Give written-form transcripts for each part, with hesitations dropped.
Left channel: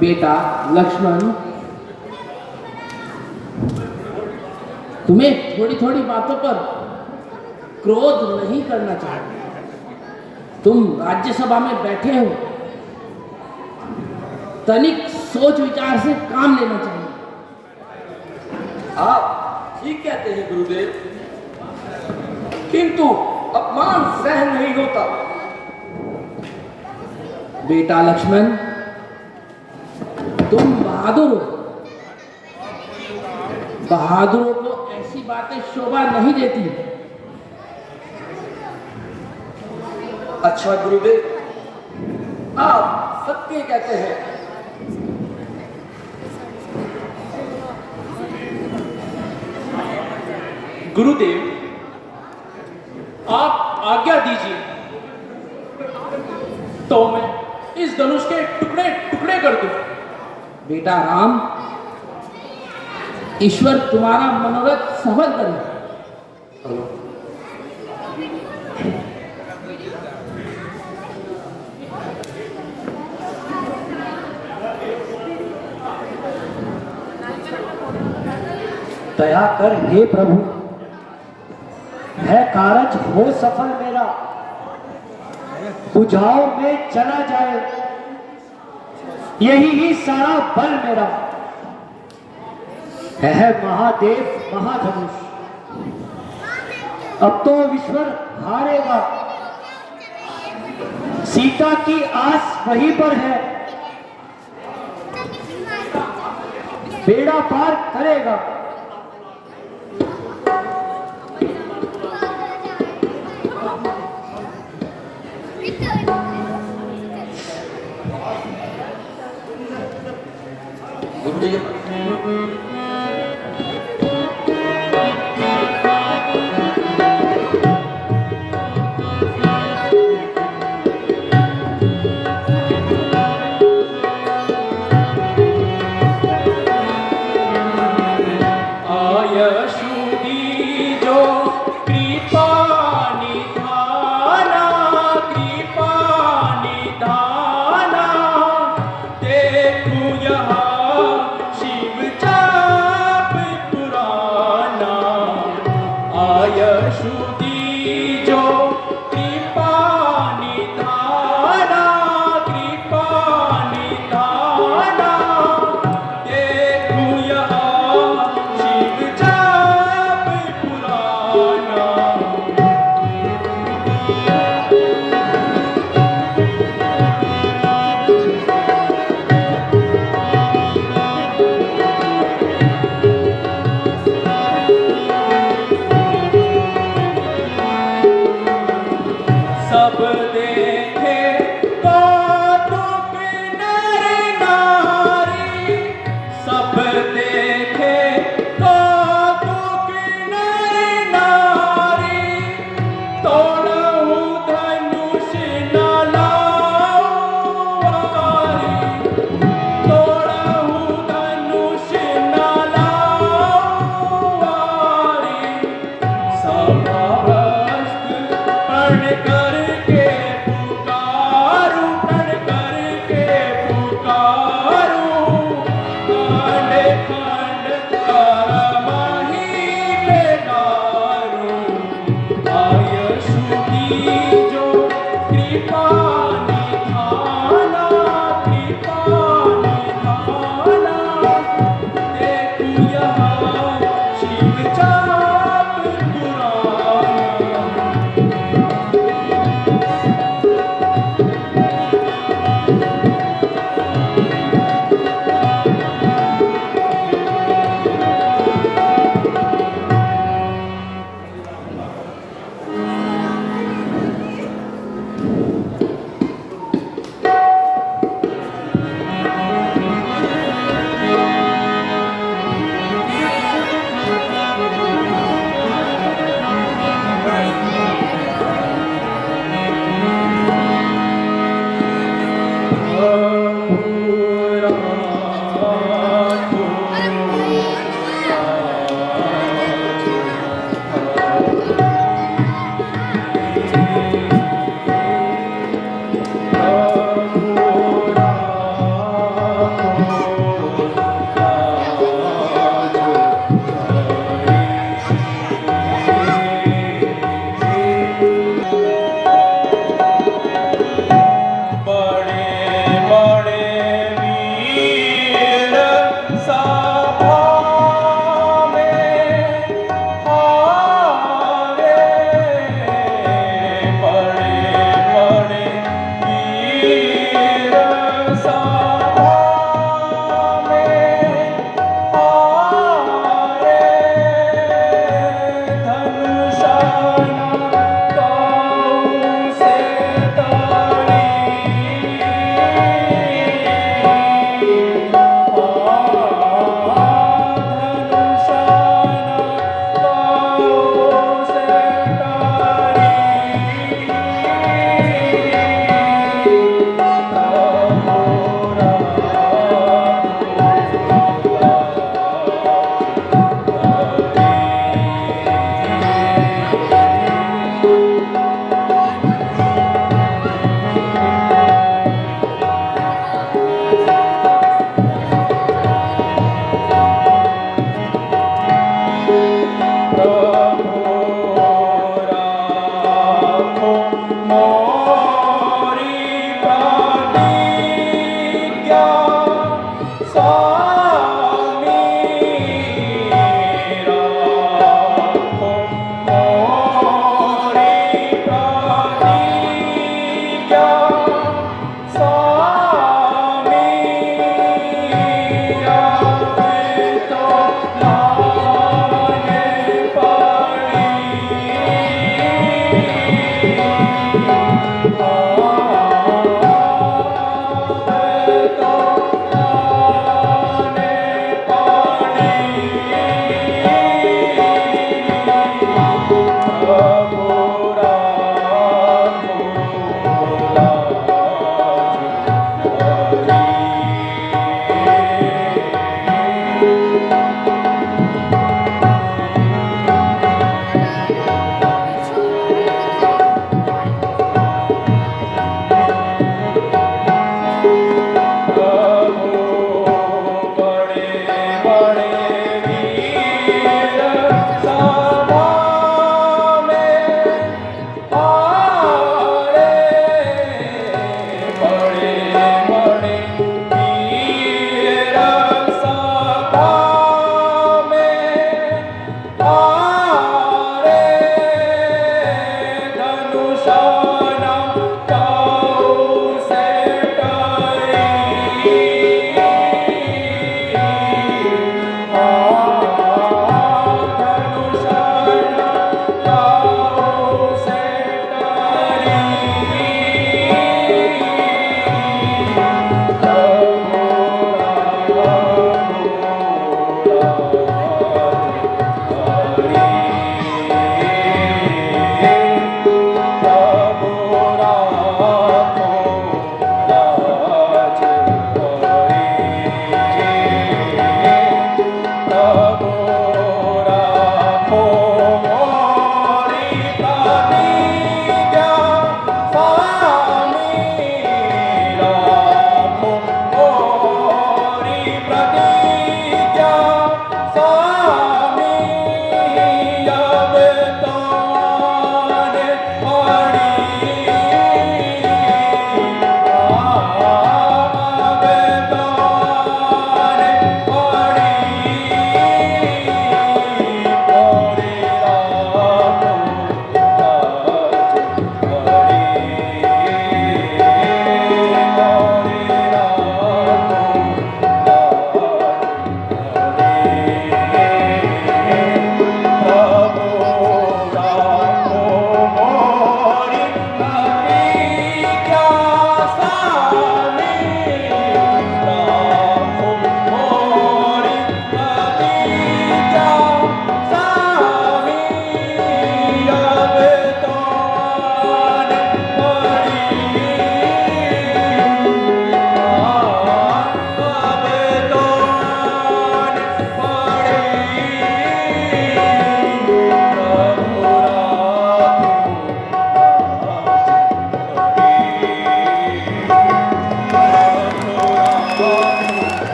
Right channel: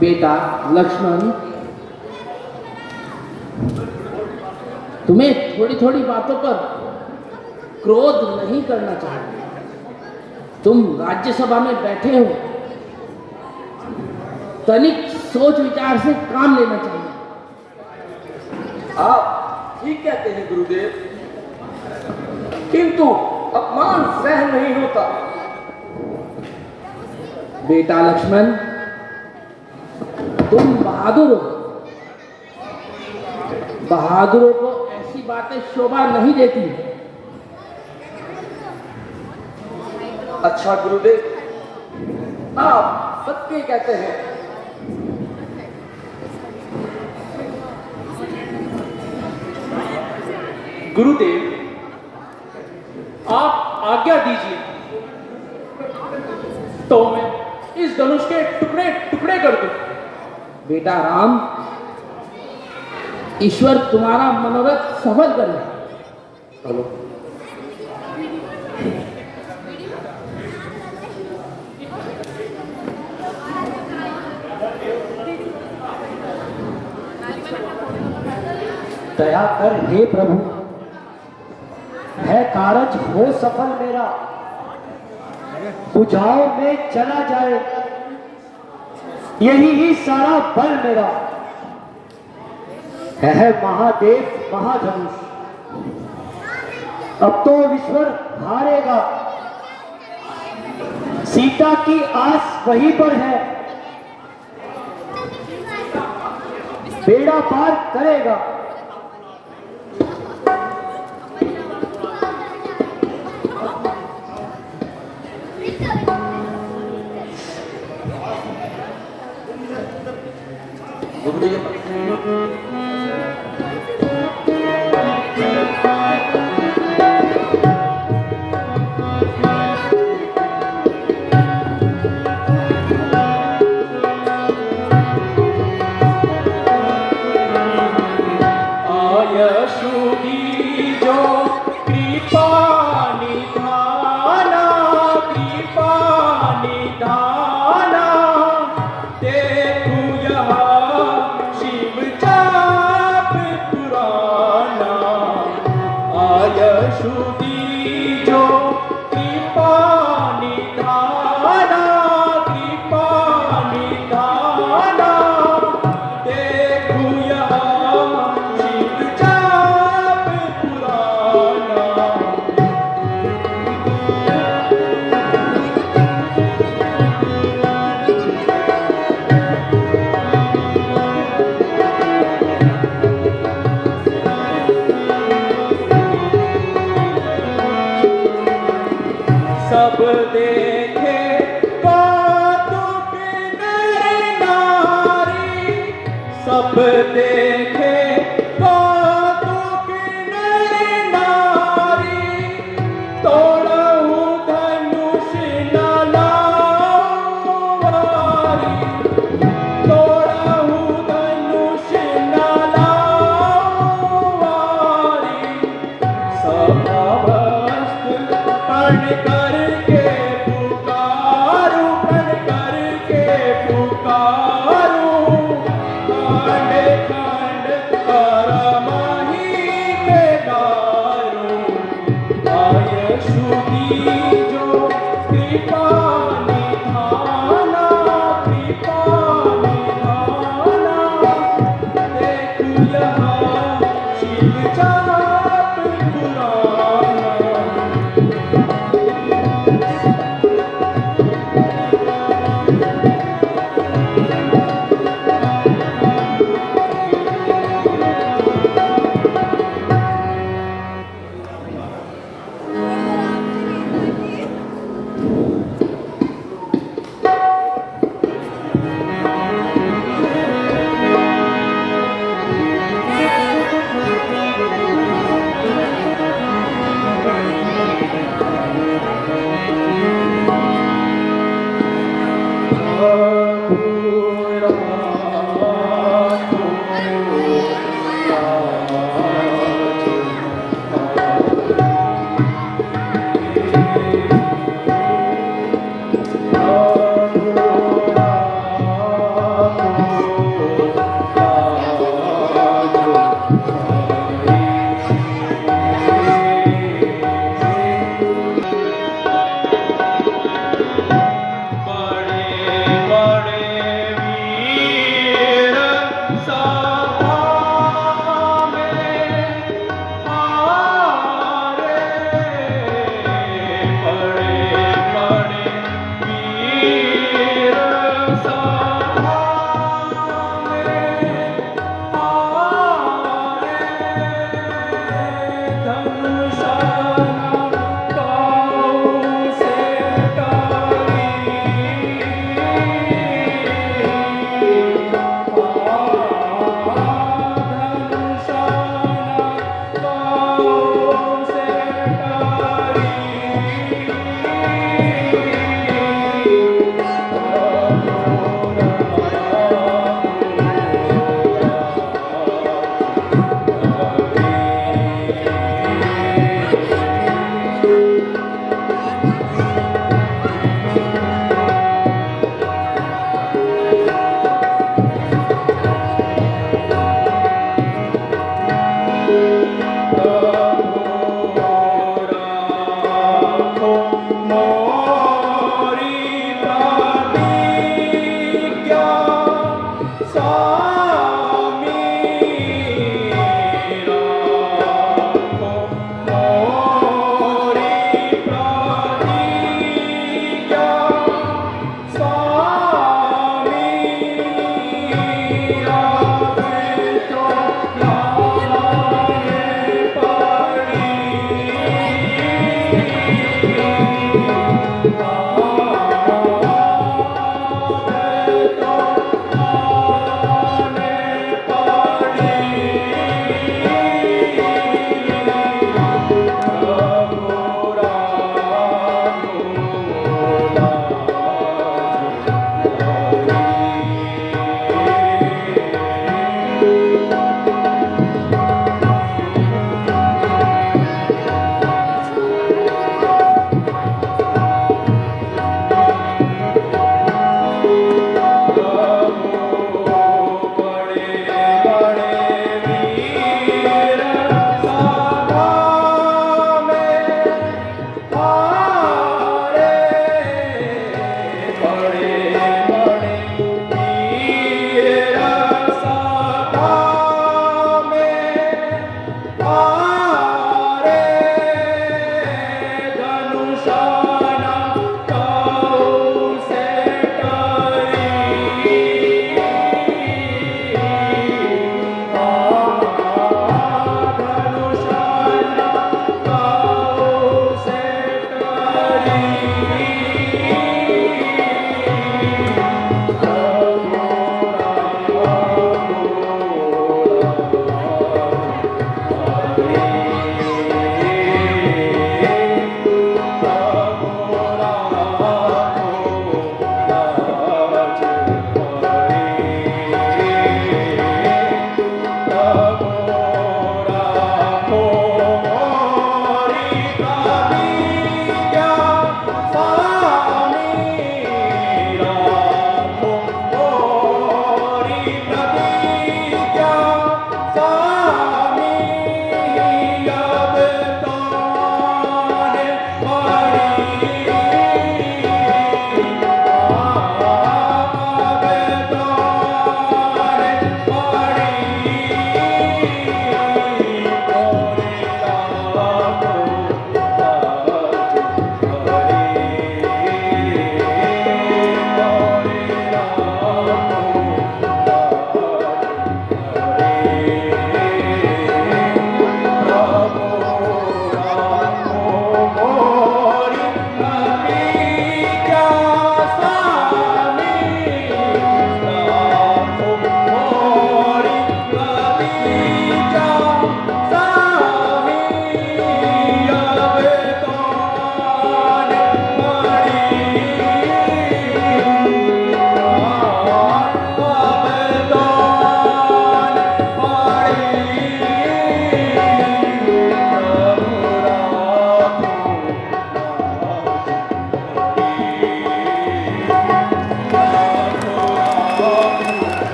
बेटा लक्ष्मण, तुम्हें थोड़ी थोड़ी बातों पर क्रोध नहीं करना चाहिए। तुम राज्यसभा में बैठे हो, तनिक सोच विचार से काम लेना चाहिए। आप ठीक कहते हैं गुरुदेव, किंतु अपमान सहन नहीं होता। बेटा लक्ष्मण, तुम बहादुर हो। बहादुरों को ऐसी बातें शोभा नहीं देती। अच्छा गुरुदेव, आप सत्य कहते हैं। गुरुदेव, आप आज्ञा दीजिए तो मैं इस धनुष के टुकड़े टुकड़े कर दूं। बेटा राम, ईश्वर तुम्हारा मनोरथ सफल करे। दया कर हे प्रभु, है कारज हो सफल मेरा, बुझाओ में चला जाए यही ही सारा बल मेरा। है महादेव महाधनुष, अब तो ईश्वर हारेगा। सीता की आस वहीं पर है, बेड़ा पार करेगा।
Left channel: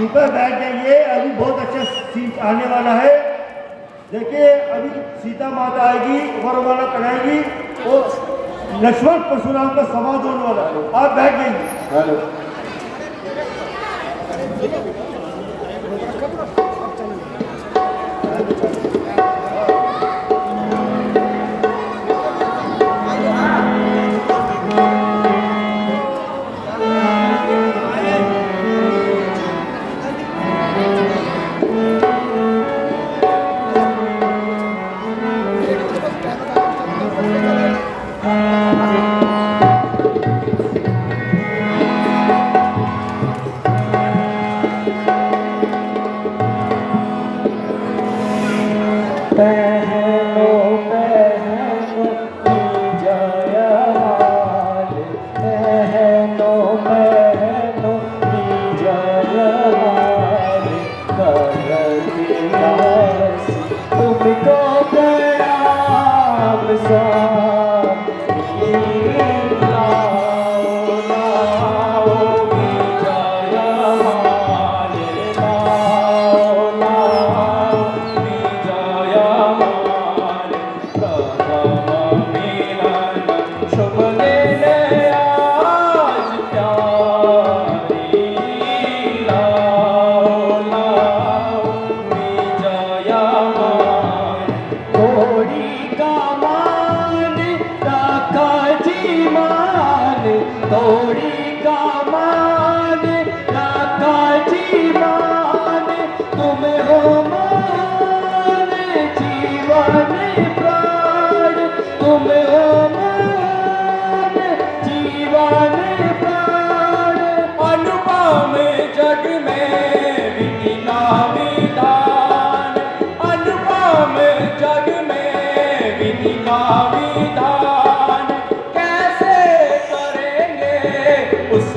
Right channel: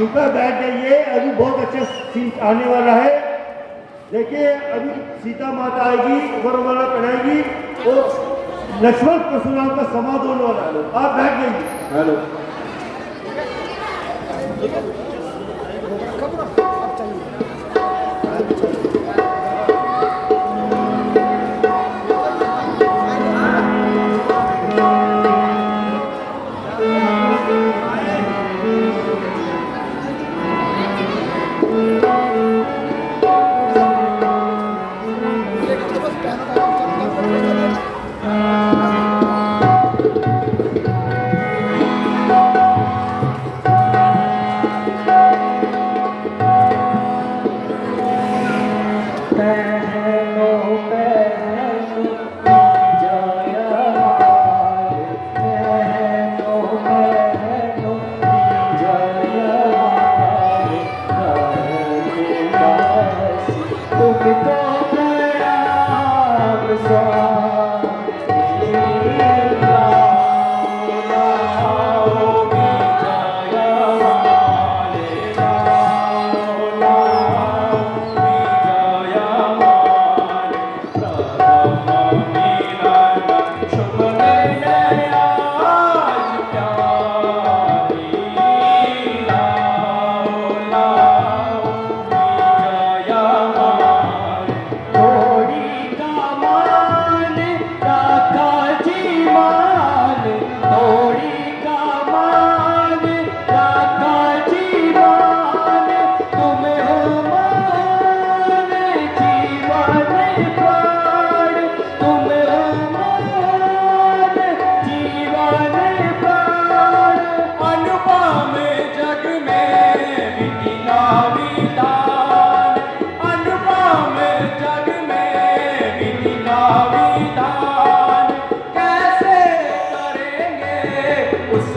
सीट पर बैठ जाइए, अभी बहुत अच्छा सीन आने वाला है। देखिए अभी सीता माता आएगी, वरमाला पहनाएगी, तो लक्ष्मण परशुराम का समाध होने वाला है। आप बैठ जाइए। तुमको प्यार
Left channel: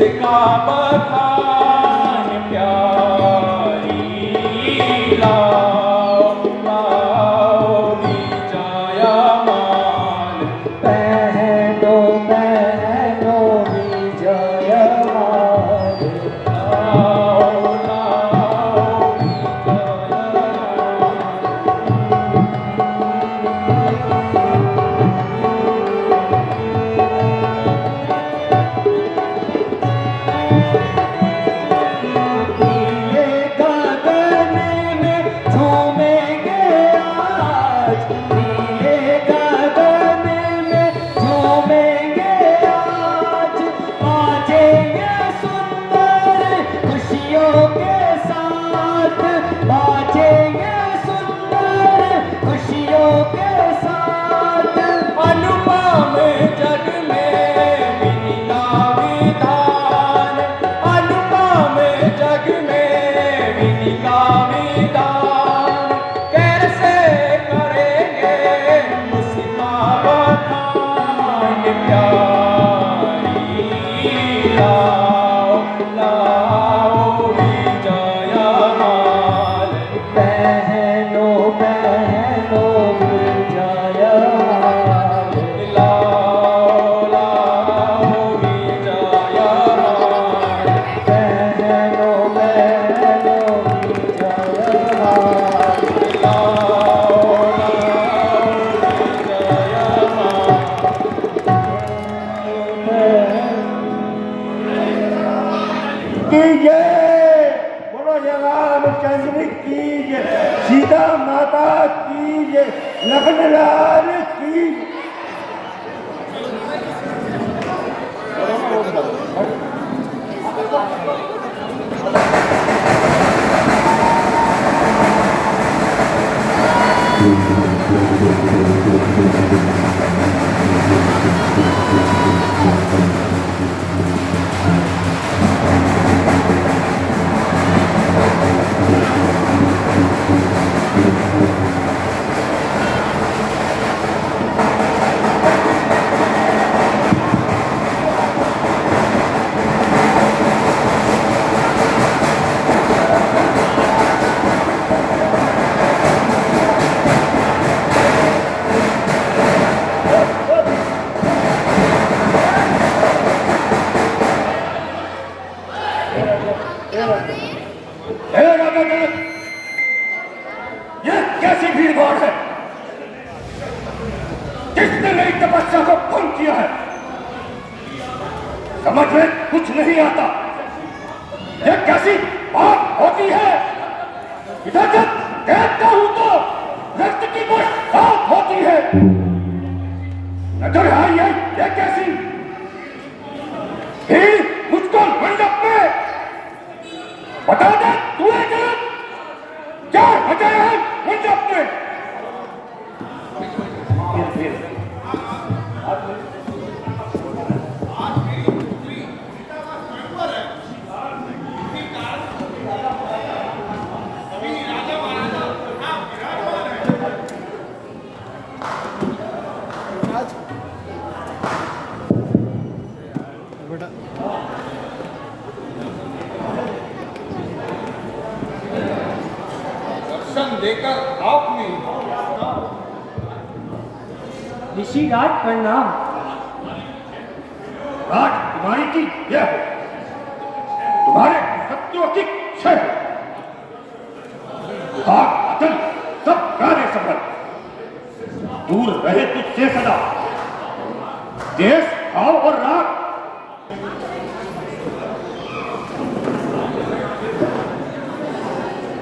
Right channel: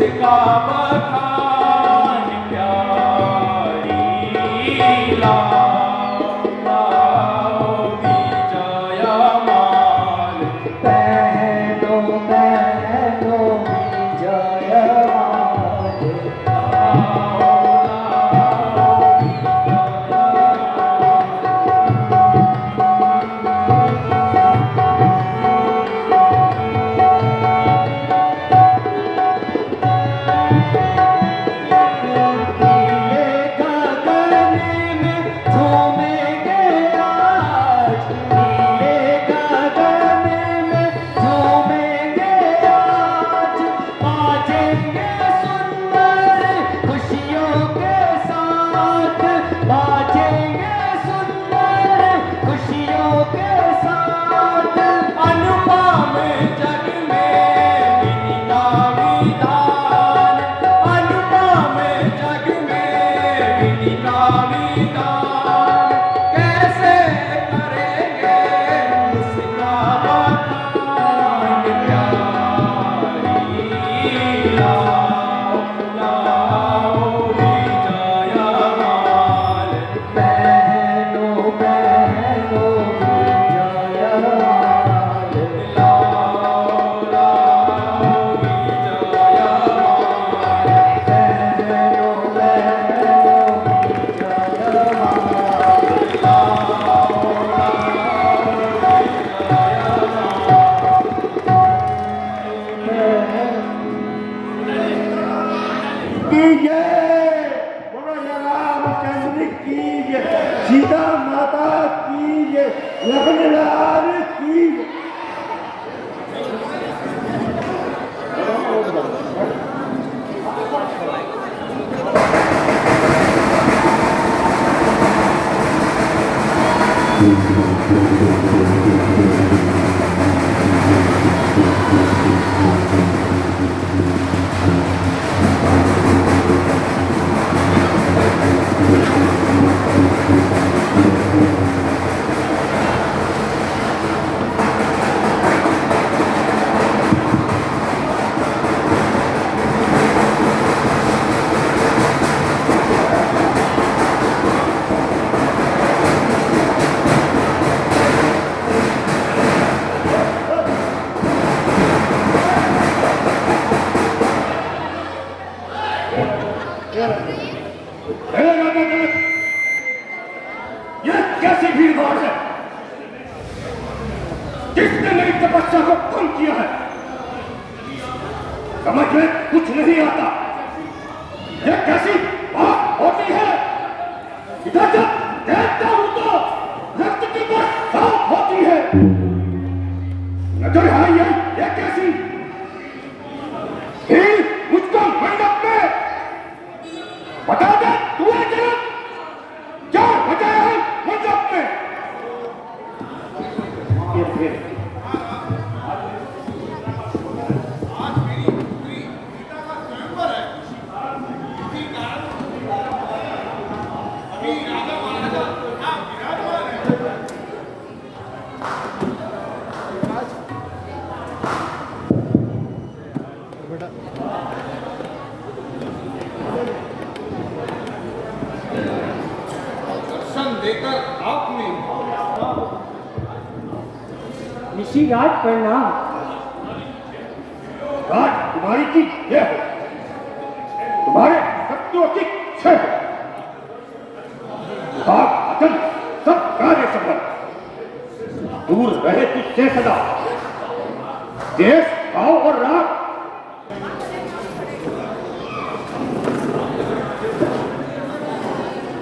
उसका बखान प्यारी लाओ लाओ विजया माल पहनो पहनो विजयमाल अनुपम जग में विनीता विधान अनुपम जग में विनीता विधान कैसे करेंगे उसका बखान प्यारी लाओ लाओ विजया माल पहनो पहनो विजयमाल लाओ लाओ विजया माल पहनो पहनो विजयमाल कीजिए बोलो जय रामचंद्र कीजिए सीता माता कीजिए लखन लाल कीजिए ये कैसी भीड़ भाड़ है किसने मेरी तपस्या को भंग किया है समझ में कुछ नहीं आता ये कैसी बात होती है इधर जब देखता हूं तो रक्त की बस साफ होती है नजर आई है ये कैसी भीड़ मुझको मंडप में बता दे तू है क्या वजह है मंडप में ये फिर आज मेरी पुत्री सीता का स्वयंवर है इसी कारण अभी राजा महाराजा यहाँ विराजमान है दर्शन देकर आपने ऋषिराज प्रणाम। राजकुमारी की जय हो तुम्हारे सत्यों की क्षय हो भाग वचन सब कार्य सफल दूर रहे तुझसे सदा देश भाव और राग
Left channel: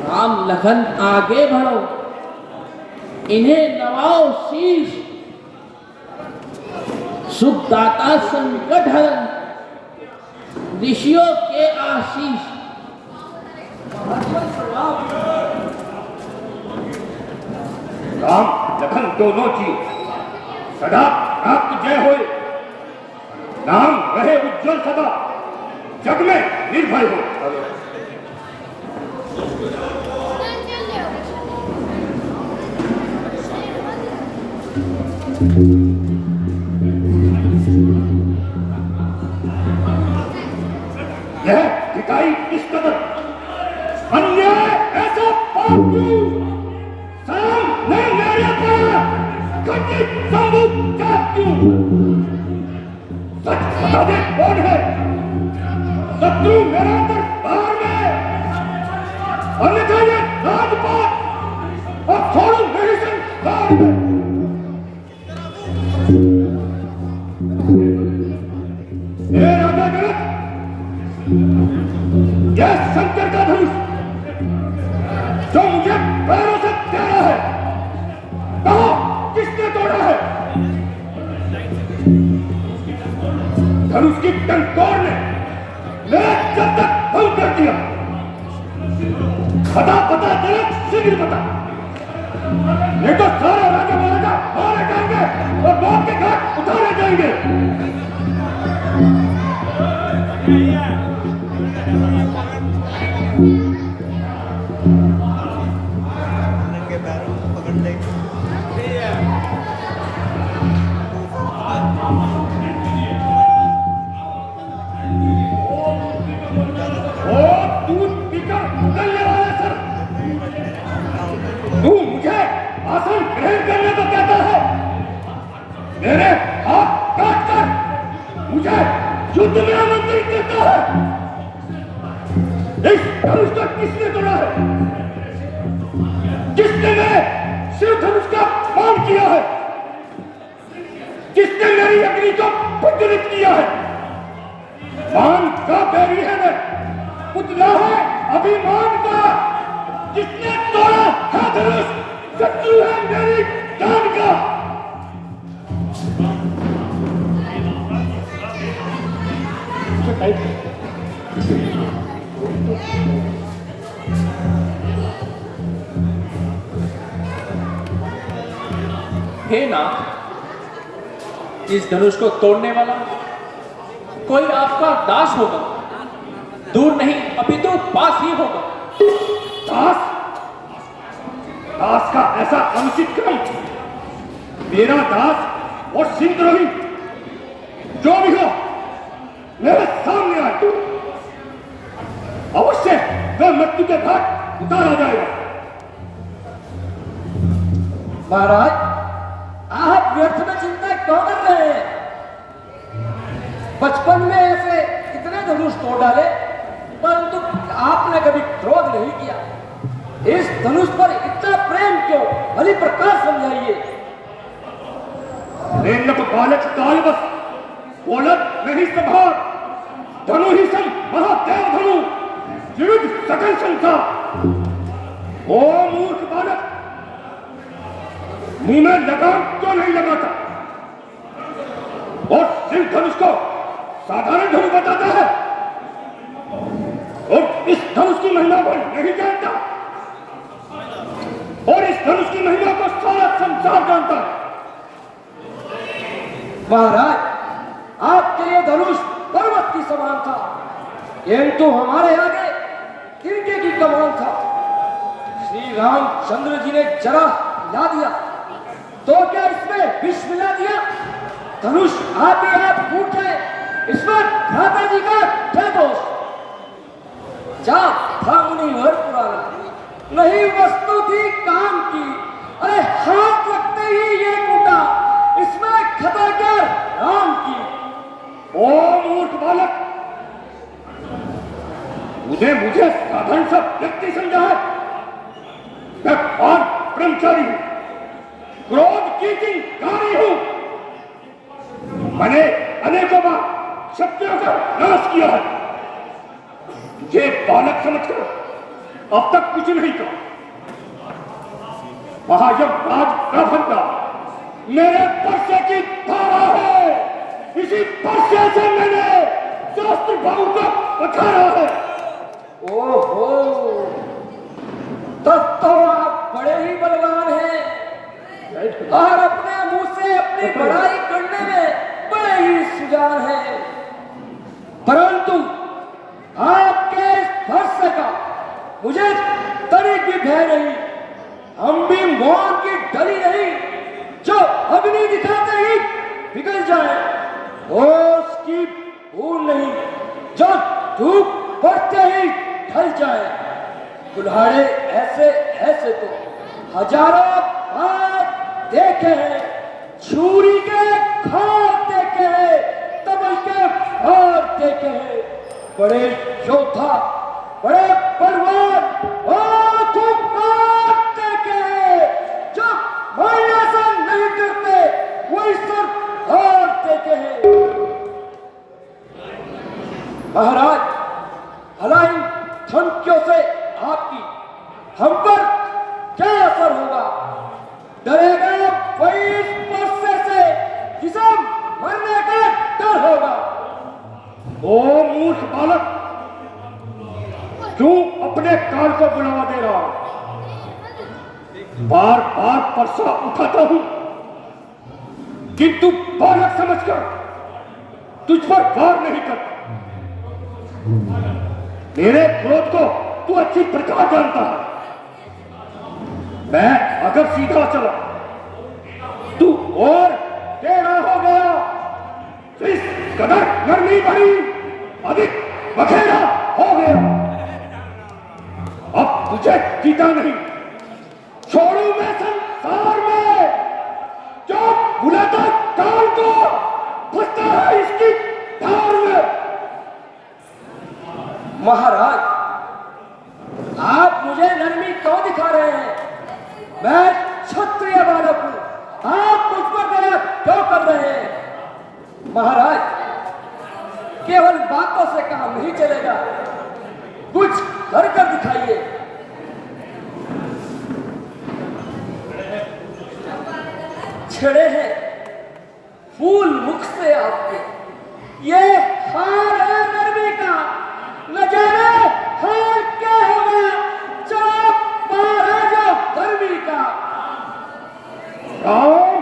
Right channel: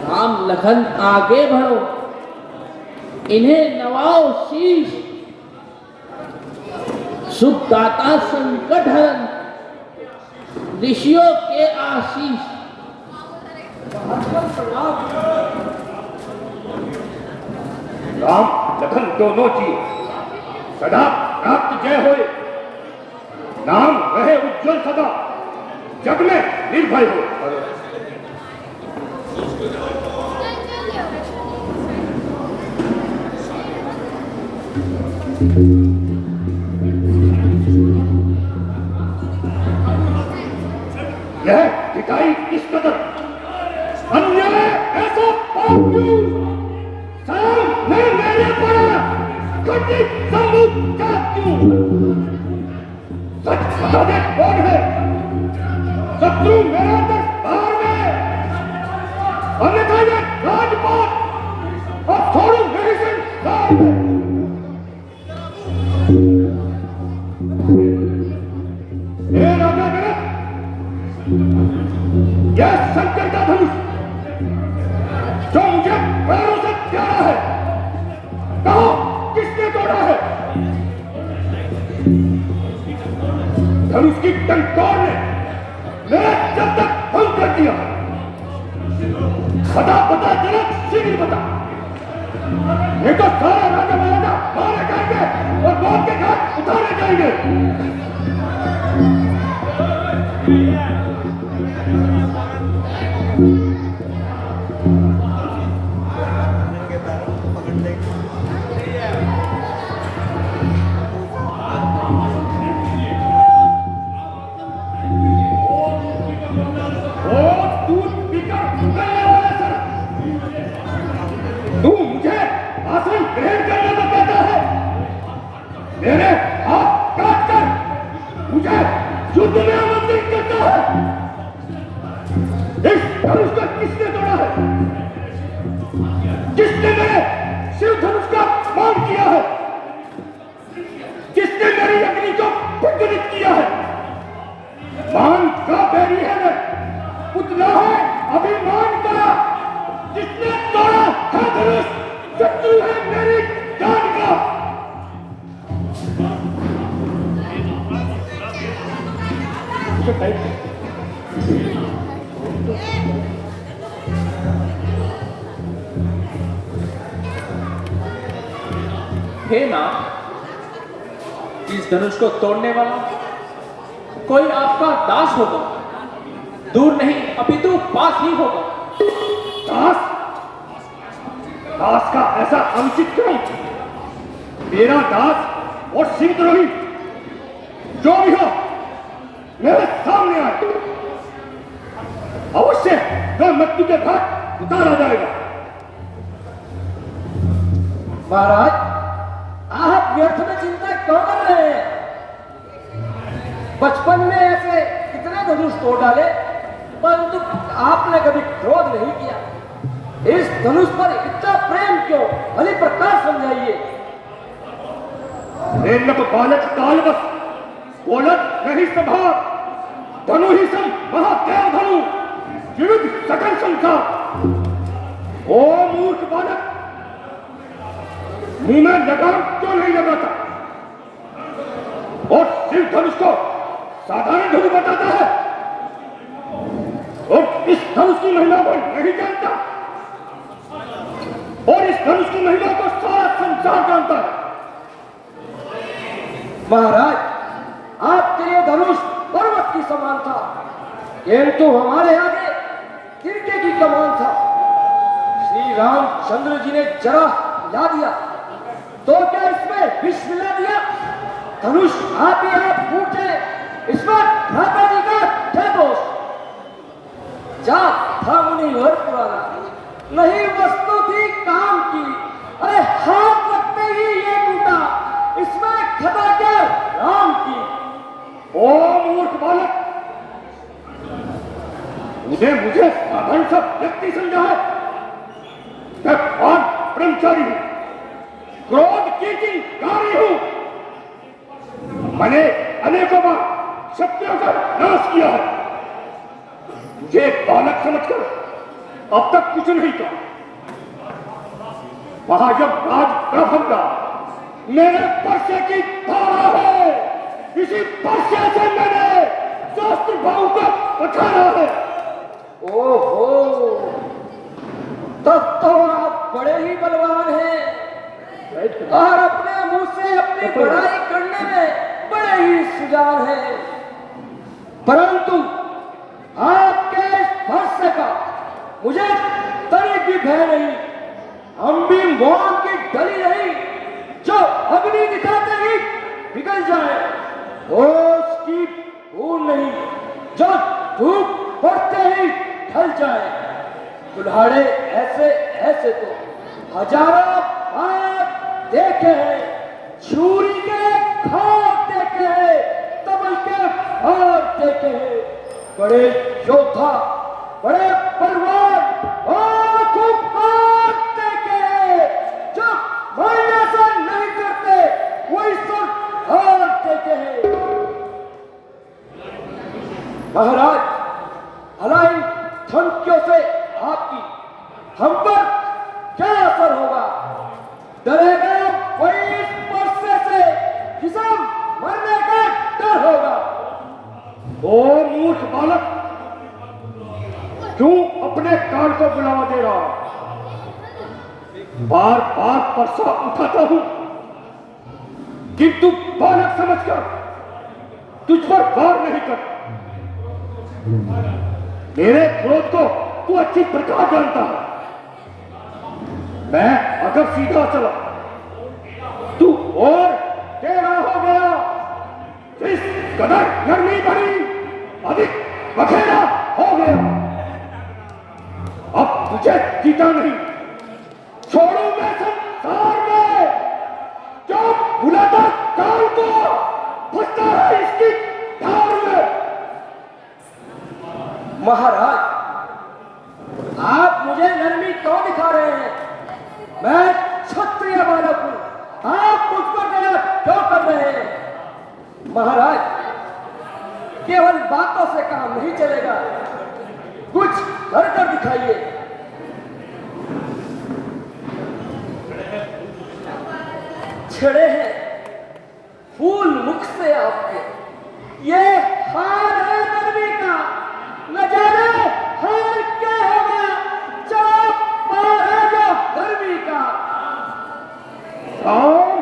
राम लखन आगे बढ़ो इन्हें नवाओ शीश सुखदाता संकट हरण ऋषियों के आशीष राम लखन दोनों की सदा प्राप्त जय होए नाम रहे उज्जवल सदा जग में निर्भय हो दिखाई किस कदर अन्याय ऐसा पाप क्यों सामने मेरे पड़ा कटी सबूत क्या क्यों सच बता दे कौन है शत्रु मेरे दरबार में अन्यथा ये राजपाट और छोड़ू मेरी संसार में ये राजा जनक यह शंकर का धनुष जो मुझे पैरों से प्यारा है कहा किसने तोड़ा है धनुष की टंकार ने मेरा जब तक भंग कर दिया बता बता जनक शीघ्र बता नहीं तो सारा राजा महाराजा मारे जाएंगे और मौत के घाट उतारे जाएंगे मेरे हाथ काट कर मुझे युद्ध में आमंत्रित करता है इस धनुष को किसने तोड़ा है किसने मेरे शिव धनुष का अपमान किया है किसने मेरी अग्नि को प्रज्वलित किया है मान का बैरी है मैं पुतला है अभिमान का जिसने तोड़ा है धनुष शत्रु है मेरी जान का हे नाथ इस धनुष को तोड़ने वाला कोई आपका दास होगा दूर नहीं अपितु पास ही होगा दास दास का ऐसा अनुचित काम मेरा दास और सिंहद्रोही जो भी हो मेरे सामने आए अवश्य वह मृत्यु के घाट उतारा जाएगा महाराज आप व्यर्थ में चिंता क्यों कर रहे हैं बचपन में ऐसे कितने धनुष तोड़ डाले परंतु आपने कभी क्रोध नहीं किया इस धनुष पर इतना प्रेम क्यों भली प्रकाश समझाइए प्रेम तो बालक कालवश बोलत नहीं संभार धनु ही सम महादेव धनु विविध सकल संसार ओ मूर्ख बालक मुंह में लगाम क्यों नहीं लगाता और सिंह धनुष को साधारण धनु बताता है और इस धनुष की महिमा को नहीं जानता और इस धनुष की महिमा को सारा संसार जानता है महाराज आपके ये धनुष पर्वत की समान था ये तो हमारे आगे तिरके की कमान था श्री रामचंद्र जी ने जरा ला दिया तो क्या इसमें विष मिला दिया धनुष आप फूटे इसमें भ्राता जी का क्या दोष जा था मुनिवर पुराना नहीं वस्तु थी काम की अरे हाथ लगते ही ये टूटा इसमें खता क्या राम की ओ मूर्ख बालक मुझे साधारण सा व्यक्ति समझा है मैं पाप ब्रह्मचारी हूं क्रोध की चिंगारी हूं मैंने अनेकों बार शत्रुओं का नाश किया है ये बालक समझकर अब तक कुछ नहीं कहा महायज्ञ राज प्रबंधा मेरे पर्से की धारा है इसी पर्से से मैंने शास्त्र भाव को पछाड़ा है ओहो तब तो आप बड़े ही बलवान हैं और अपने मुंह से अपनी बड़ाई करने में बड़े ही सुजान हैं परंतु आपके स्पर्श का मुझे तनिक भी भय नहीं हम भी मौत की डली नहीं जो अग्नि दिखाते ही पिघल जाए उसकी भूल नहीं जो धूप पड़ते मिल जाए। कुल्हाड़े ऐसे ऐसे तो हजारों बार देखे हैं, छुरी के घाव देखे हैं, तबल के भार देखे हैं। बड़े योद्धा, बड़े बलवान और खूंखार देखे हैं, जो मारने से नहीं डरते, वही सिर्फ हार देखे हैं। महाराज, भला इन धमकियों से आपकी हम पर क्या असर होगा? डरेगा वही इस परसे से जिसे मरने का डर होगा। ओ मूर्ख बालक, क्यों अपने कान को बुलावा दे रहा? बार बार परसा उठाता हूं, किंतु बालक समझकर तुझ पर वार नहीं कर। मेरे क्रोध को तू अच्छी प्रकार जानता है। मैं अगर सीधा चला तू और टेढ़ा हो गया, इस कदर नरमी भरी अधिक बखेड़ा हो गया। अब तुझे जीता नहीं छोड़ू मैं संसार में, जो बुलाता काल को फंसता है इसकी धार में। महाराज, आप मुझे नरमी क्यों दिखा रहे हैं? मैं क्षत्रिय बालक हूं, आप मुझ पर दया क्यों कर रहे हैं? महाराज, केवल बातों से काम नहीं चलेगा, कुछ कर दिखाइए। छड़े हैं फूल मुख से आपके, ये हार है नरमी का, न जाने हाल क्या होगा, चलो पार है जो गर्मी का। राम,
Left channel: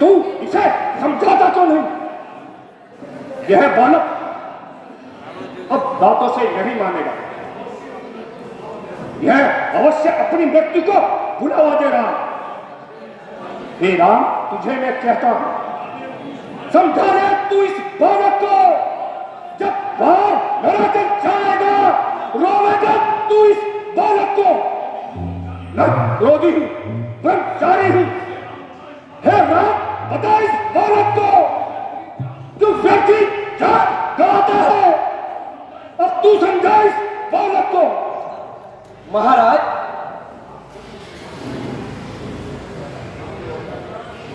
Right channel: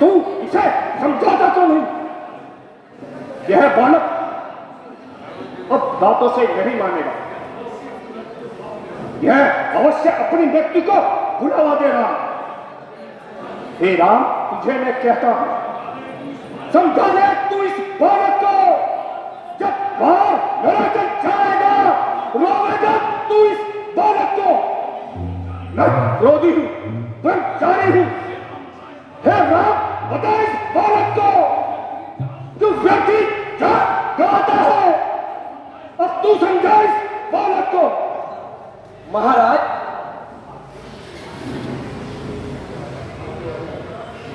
तू इसे समझाता क्यों नहीं? यह बालक अब बातों से नहीं मानेगा। यह अवश्य अपनी मृत्यु को बुलावा दे रहा है। हे राम, तुझे मैं कहता हूं, समझा ले तू इस बालक को। जब बाहर मेरा जब जाएगा, रोवेगा तू इस बालक को। मैं क्रोधी हूं, ब्रह्मचारी हूं। हे राम, बता इस बालक को, जो व्यक्ति गाता है, अब तू समझा इस बालक को। महाराज,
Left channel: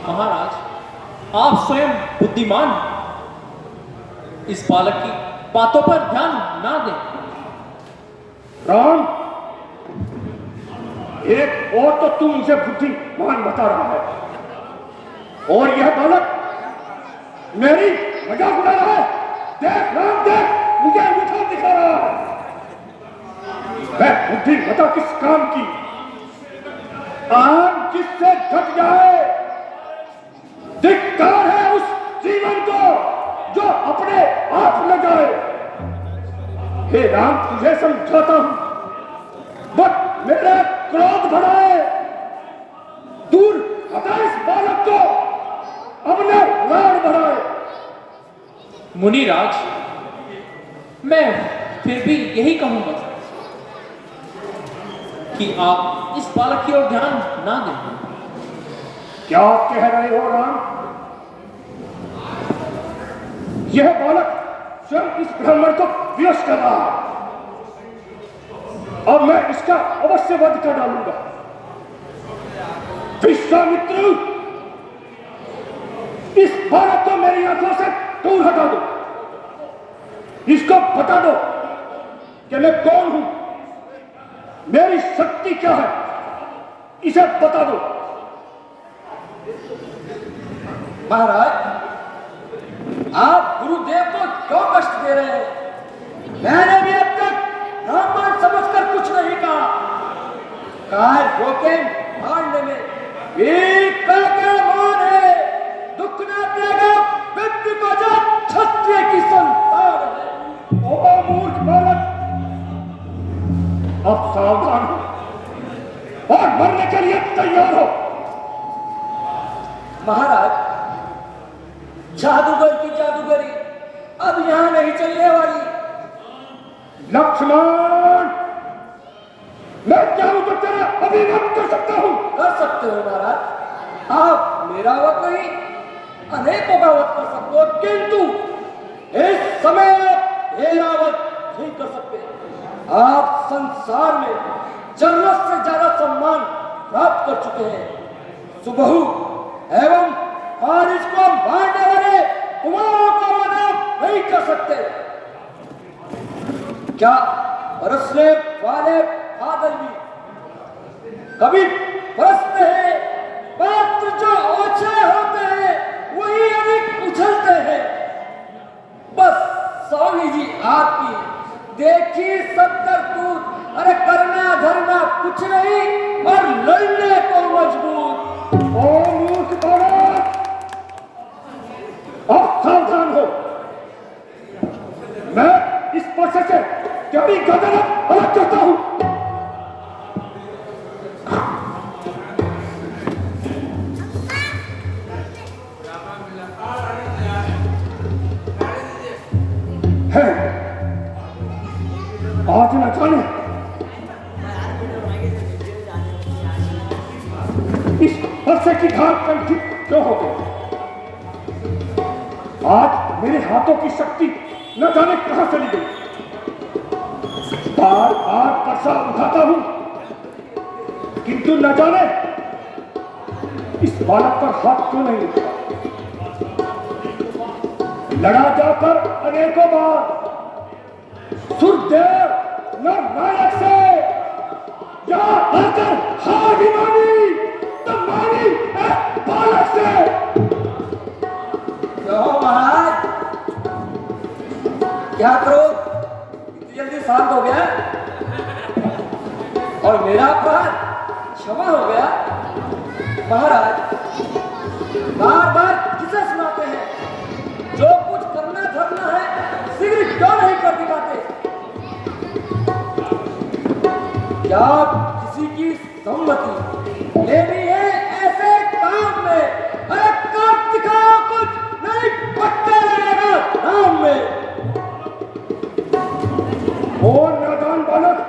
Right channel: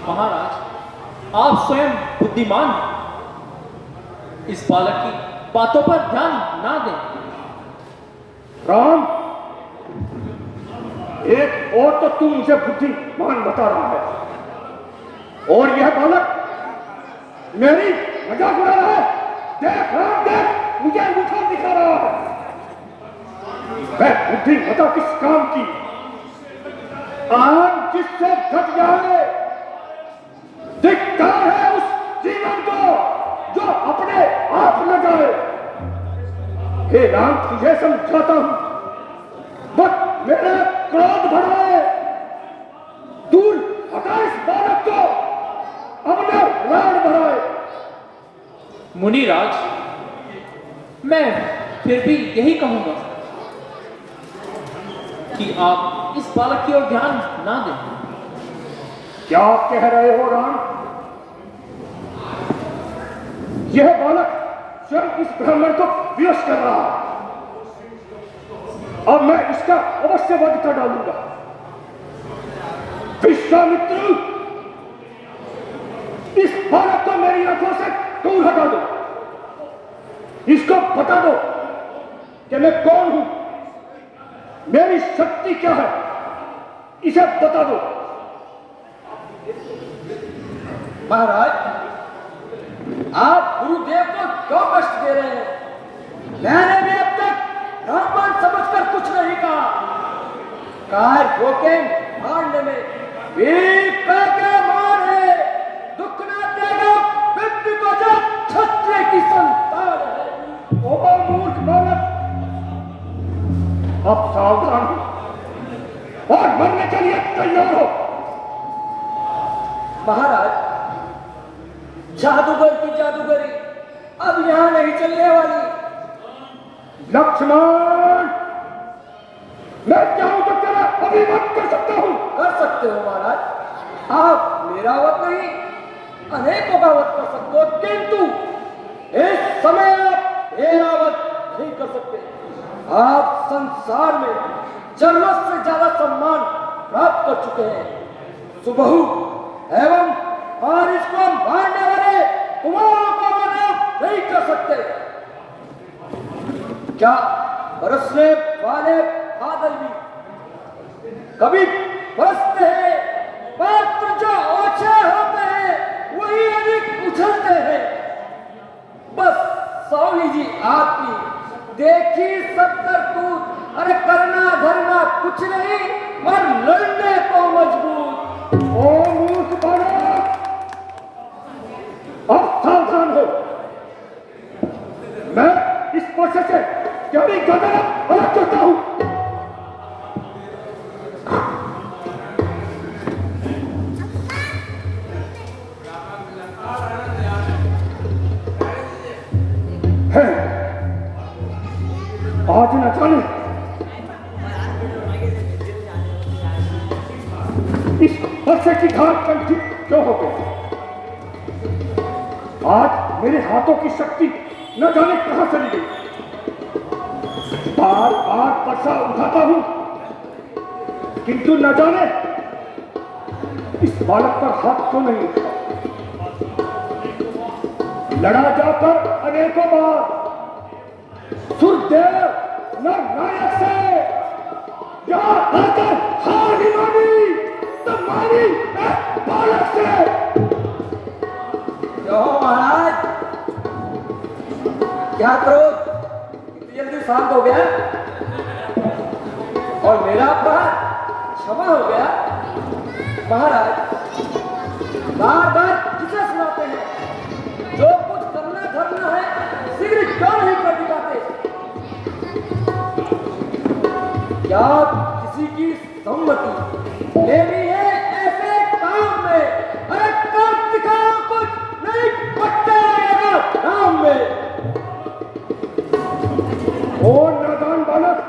महाराज, आप स्वयं बुद्धिमान, इस बालक की बातों पर ध्यान ना दें। राम, एक और तो तू मुझे बुद्धिमान बता रहा है, और यह बालक मेरी मजाक उड़ा रहा है। देख राम, देख, मुझे अंगूठा दिखा रहा है। मैं बुद्धिमता किस काम की? आम जिससे घट जाए, धिक्कार है उस जीवन को जो अपने आप न जाए। हे राम, तुझे समझाता हूं, बस मेरा क्रोध बढ़ाए, दूर हटा इस बालक को, अपने राण बढ़ाए। मुनिराज, मैं फिर भी यही कहूंगा कि आप इस बालक की ओर ध्यान ना दें। क्या कह रहे हो राम? यह बालक स्वयं इस ब्राह्मण को विवश कर रहा है। अब मैं इसका अवश्य वध कर डालूंगा। विश्वामित्र, इस बालक को मेरी आंखों से दूर हटा दो। इसको बता दो कि मैं कौन हूं, मेरी शक्ति क्या है, इसे बता दो। महाराज, आप गुरुदेव को क्यों कष्ट दे रहे हैं? मैंने भी अब तक ब्राह्मण समझकर कुछ नहीं कहा। कार रोके मारने में एक का मान है, दुख न देगा व्यक्ति को जो क्षत्रिय की संतान है। ओ मूर्ख बालक, अब सावधान हो और मरने के लिए तैयार हो। महाराज, जादूगर की जादूगरी अब यहां नहीं चलने वाली। लक्ष्मण, मैं चाहूं तो तेरा अभिवत कर सकता हूं। कर सकते हो महाराज, आप मेरा वध नहीं अनेकों का वध कर सकते हो, किंतु इस समय आप मेरा वध नहीं कर सकते। आप संसार में जरूरत से ज्यादा सम्मान प्राप्त कर चुके हैं। सुबहु एवं हारिस को मारने वाले कुमारों का वध आप नहीं कर सकते। क्या बरसने वाले बादल भी कभी बरसते हैं, मात्र जो ओछे होते हैं वही अधिक उछलते हैं। बस स्वामी जी आपकी देखी सत्तर कूद, अरे करना धरना कुछ नहीं और लड़ने को मजबूर। ओ मूर्ख बालक, अब सावधान हो। मैं इस पर्चे से कभी गर्दन अलग करता हूं। आज न जाने इस पर्चे की धार कंठी क्यों हो गई। आज मेरे हाथों की शक्ति न जाने कहां चली गई। बार बार पर्चा उठाता हूं, किंतु न जाने इस बालक पर हाथ क्यों नहीं उठता। लड़ा जाकर अनेकों बार सुरदेव नायक से, यहां आकर हार भी मानी तो मानी एक बालक से। क्यों महाराज, क्या क्रोध इतनी जल्दी शांत हो गया और मेरा अपराध क्षमा हो गया। महाराज बार बार किसे सुनाते हैं, जो कुछ करना धरना है शीघ्र क्यों नहीं कर दिखाते। क्या किसी की सम्मति लेनी है ऐसे काम में, अरे कर दिखाओ कुछ, नहीं पट्टे लगेगा काम में। ओ नादान बालक,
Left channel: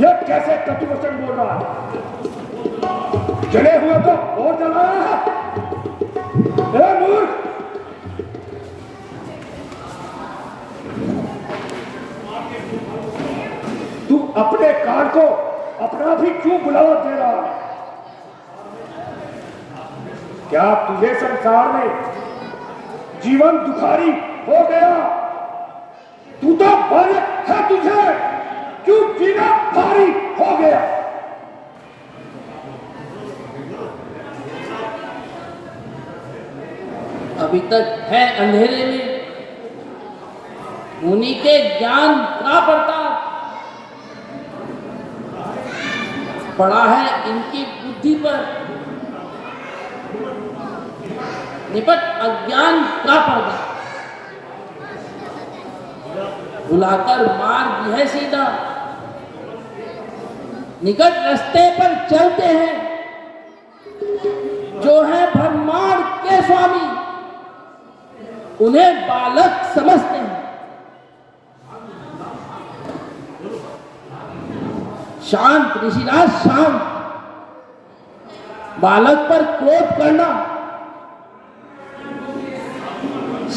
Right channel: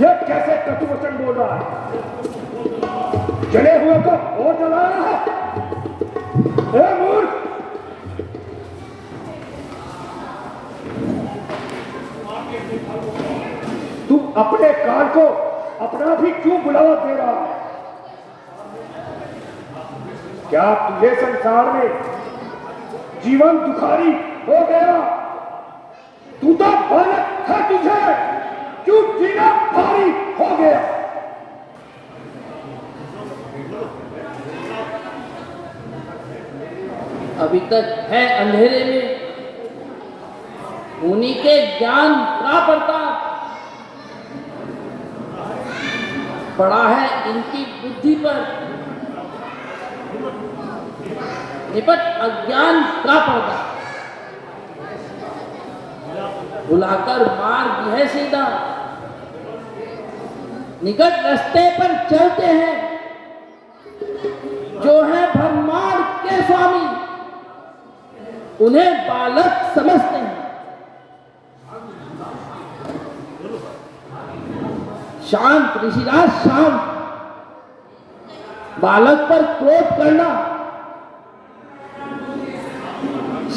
यह कैसे कटु वचन बोल रहा है। जले हुए को और जला रहा है। ए मूर्ख, तू अपने काल को अपना भी क्यों बुलावा दे रहा है। क्या तुझे संसार में जीवन दुखारी हो गया। तू तो बालक है, तुझे क्यों जीना भारी हो गया। अभी तक है अंधेरे में, उन्हीं के ज्ञान का प्रताप पड़ा है इनकी बुद्धि पर, निपट अज्ञान का पर्दा। बुलाकर मार्ग है सीधा, निकट रास्ते पर चलते हैं, जो है ब्रह्मांड के स्वामी उन्हें बालक समझते हैं। शांत ऋषिराज शांत, बालक पर क्रोध करना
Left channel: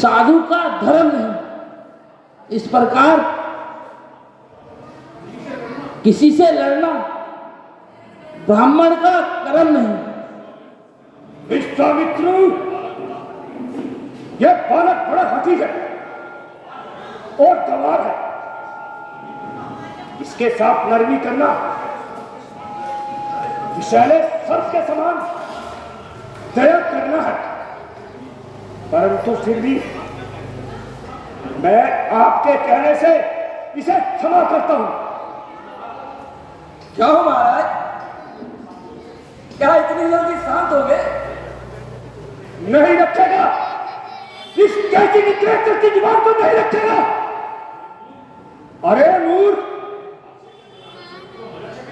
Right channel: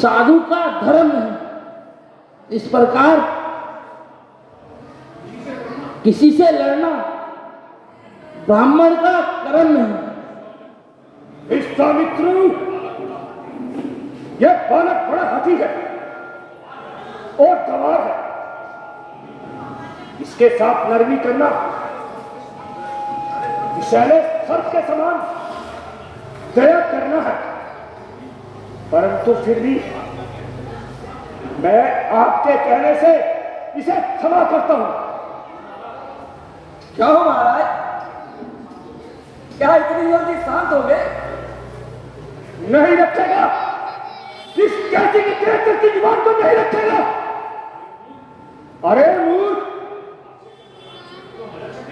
साधु का धर्म नहीं। इस प्रकार किसी से लड़ना ब्राह्मण का कर्म नहीं। विश्वामित्र, यह बालक बड़ा हाथी है और गवार है। इसके साथ नरमी करना विषैले सर्प के समान दया करना है। परंतु फिर भी मैं आपके कहने से इसे क्षमा करता हूं। क्यों महाराज, क्या इतनी जल्दी शांत हो गए। नहीं रखेगा, इस कैसी की ट्रैक्टर की जुबान को नहीं रखेगा। अरे मूर्ख,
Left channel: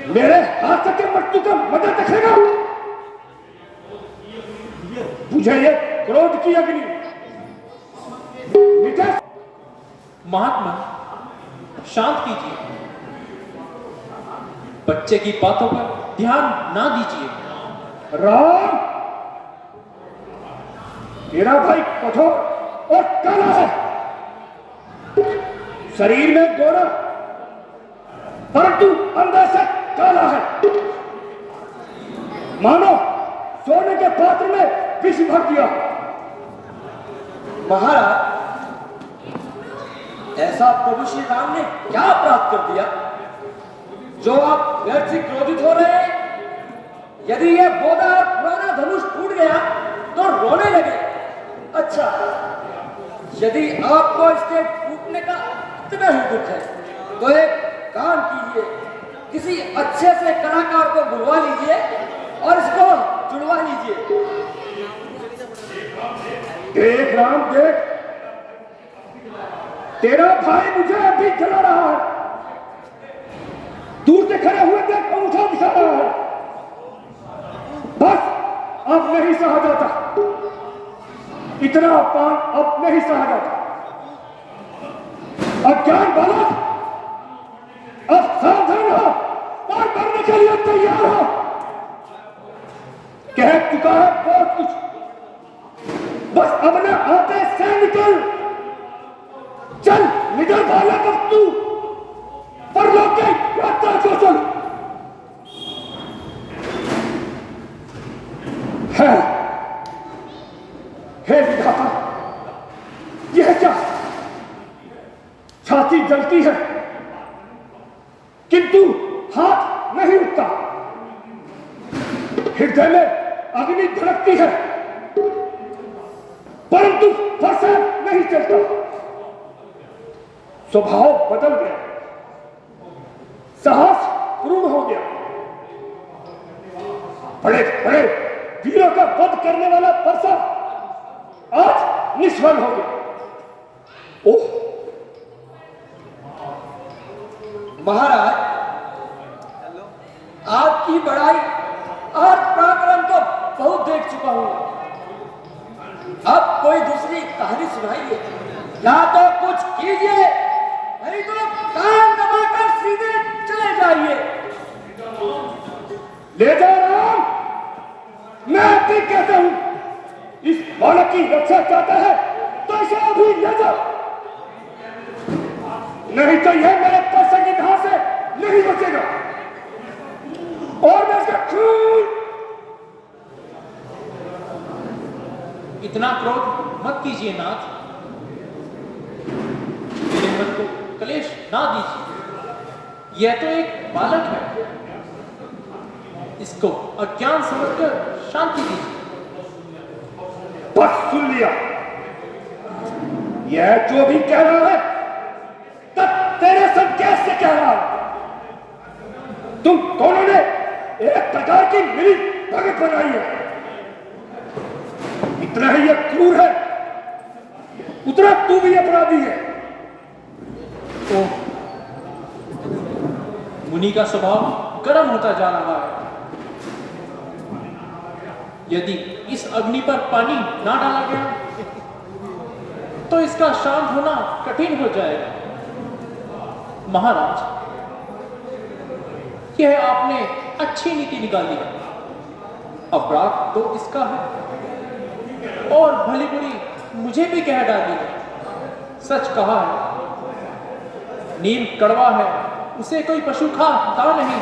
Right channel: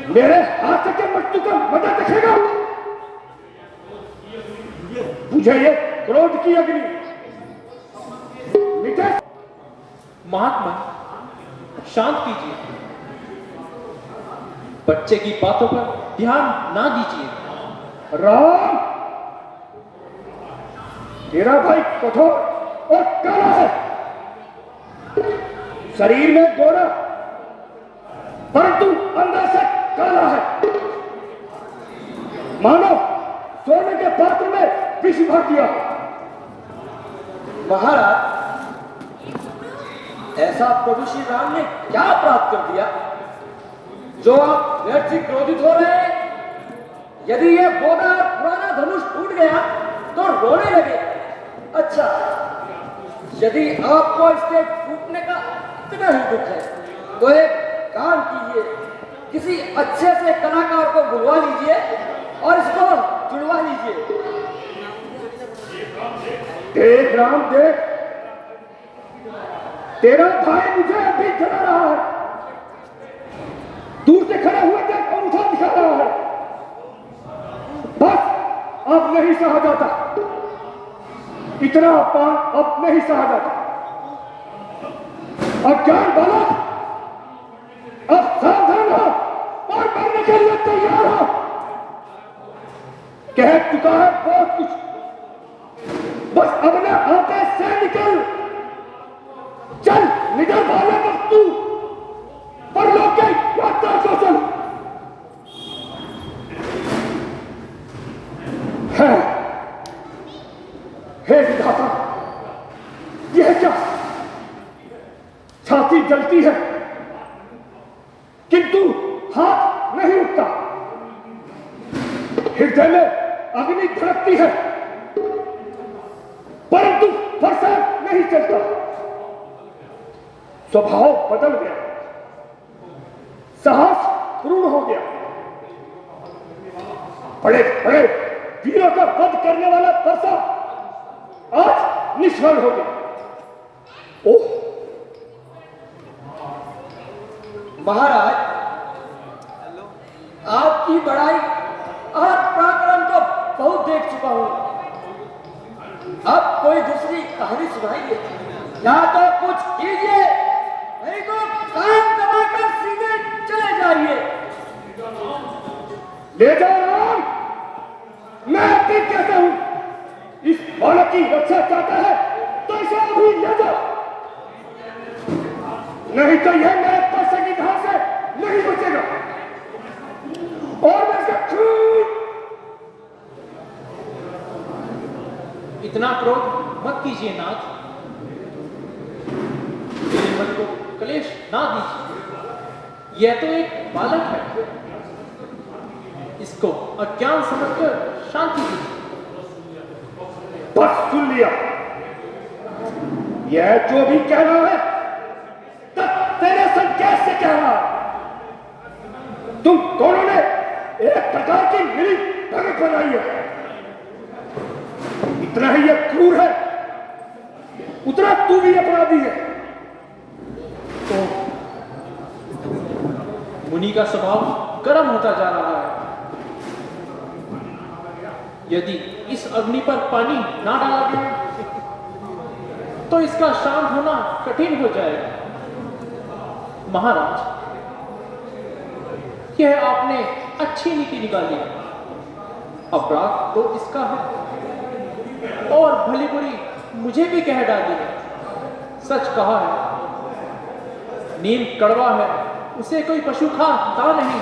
मेरे हाथ से मृत्यु का मजा देखेगा। बुझे ये क्रोध की अग्नि मिटे। महात्मा, शांत कीजिए, बच्चे की बातों पर ध्यान ना दीजिए। राम, तेरा भाई कठोर और काला है, शरीर में गोरा परंतु अंदर से काला है, मानो सोने के पात्र में विष भर दिया। महाराज, ऐसा प्रभु श्री राम ने क्या अपराध कर दिया जो आप व्यर्थ से क्रोधित हो रहे हैं? यदि यह बोधा और पुराना धनुष टूट गया तो रोने लगे। अच्छा, यदि आपको इसके टूटने का इतना ही दुख है तो एक काम कीजिए, किसी अच्छे से कलाकार को बुलवा लीजिए और इसको जुड़वा लीजिए। देख राम देख, तेरा भाई मुझे अभी जला रहा है, दूर से खड़े हुए देख अंगूठा दिखा रहा है। बस अब नहीं सहा जाता, इतना अपमान अब नहीं सहा जाता। अज्ञान बालक, अब सावधान हो और मरने के लिए तैयार हो। कह चुका है बहुत कुछ, बस अब न आते से निकल। चल निकल बालक, अब तू पर लोग के यात्रा को चल। है हे विधाता, यह क्या? छाती जलती है किंतु हाथ नहीं उठता, हृदय में अग्नि धड़कती है परंतु वर्षा नहीं चलता। स्वभाव बदल गया, साहस पूर्ण हो गया। बड़े बड़े वीरों का वध करने वाला परसा आज निष्फल हो गया। ओह महाराज, आपकी बड़ाई और पराक्रम तो बहुत देख चुका हूं, अब कोई दूसरी कहानी सुनाइए या तो कुछ कीजिए, नहीं तो कान दबाकर सीधे चले जाइए। ले जाओ राम, मैं अभी कहता हूं, इस बालक की रक्षा चाहता है तो इसे अभी ले जाओ, नहीं तो यह मेरे पैसे की धार से नहीं बचेगा और मैं इसका खून। इतना क्रोध मत कीजिए नाथ, मेरे मन को क्लेश ना दीजिए। यह तो एक बालक है, इसको अज्ञान समझकर शांति दीजिए। बस सुन लिया, यह जो भी कह रहा है तब तेरे संकेत से कह रहा। तुम दोनों ने एक प्रकार की मिली भगत बनाई है, इतना ही यह क्रूर है उतना तू भी अपराधी है। तो मुनि का स्वभाव गर्म होता जा रहा है, यदि इस अग्नि पर पानी ना डाला गया तो इसका शांत होना कठिन हो जाएगा। महाराज, यह आपने अच्छी नीति निकाली है, अपराध तो इसका है और भली बुरी मुझे भी कह डाली है। सच कहा है, नीम कड़वा है उसे कोई पशु खाता नहीं,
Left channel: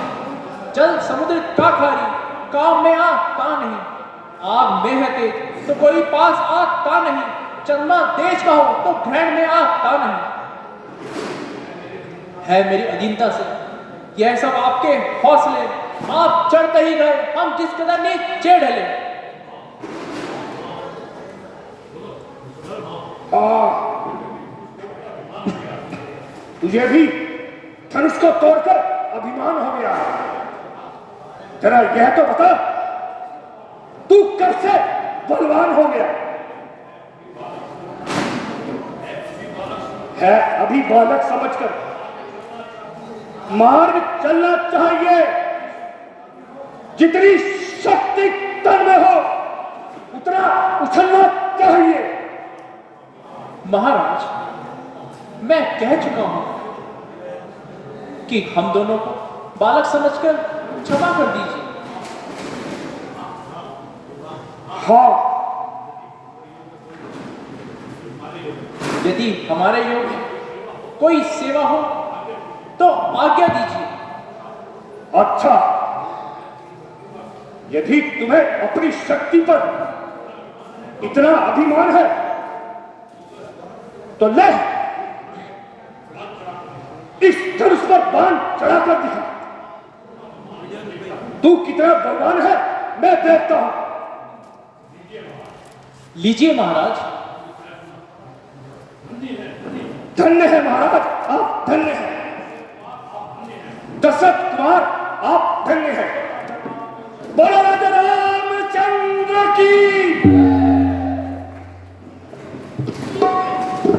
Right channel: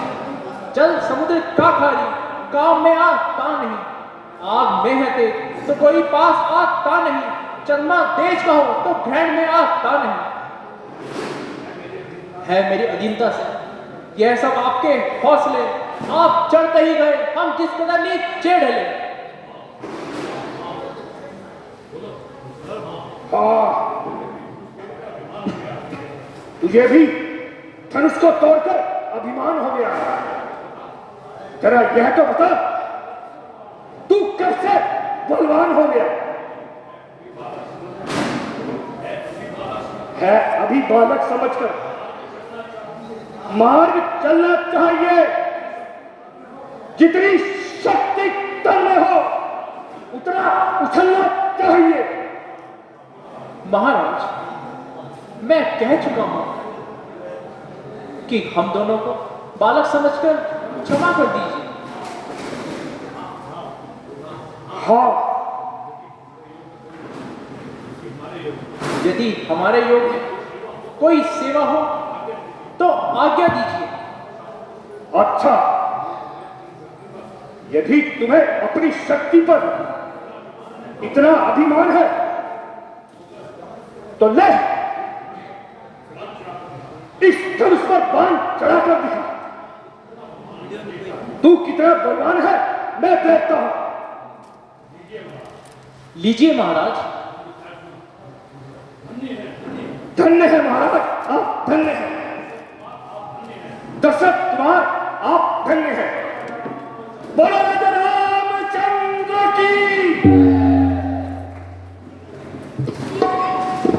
जल समुद्र का खारी काम में आग ता नहीं, आग में है तेज तो कोई पास आग ता नहीं, चंद्रमा तेज का हो तो ग्रहण में आग ता नहीं। है मेरी अधीनता से यह सब आपके हौसले, आप चढ़ते ही गए, हम किस कदर नीचे ढले। तुझे भी धनुष को तोड़कर अभिमान हो गया। जरा यह तो बता, तू कब से बलवान हो गया है? अभी बालक समझकर मार्ग चलना चाहिए, जितनी शक्ति तन में हो उतना उछलना चाहिए। महाराज, मैं कह चुका हूं कि हम दोनों को बालक समझकर क्षमा कर दीजिए। हाँ, यदि हमारे योग्य कोई सेवा हो तो आज्ञा दीजिए। अच्छा, यदि तुम्हें अपनी शक्ति पर इतना अभिमान है तो ले, इस धनुष पर बाण चढ़ाकर दिखा। तू कितना बलवान है मैं देखता हूं। लीजिए महाराज। धन्य है महाराज, आप धन्य हैं। दशरथ कुमार आप धन्य हैं। बोलो राजा रामचंद्र की।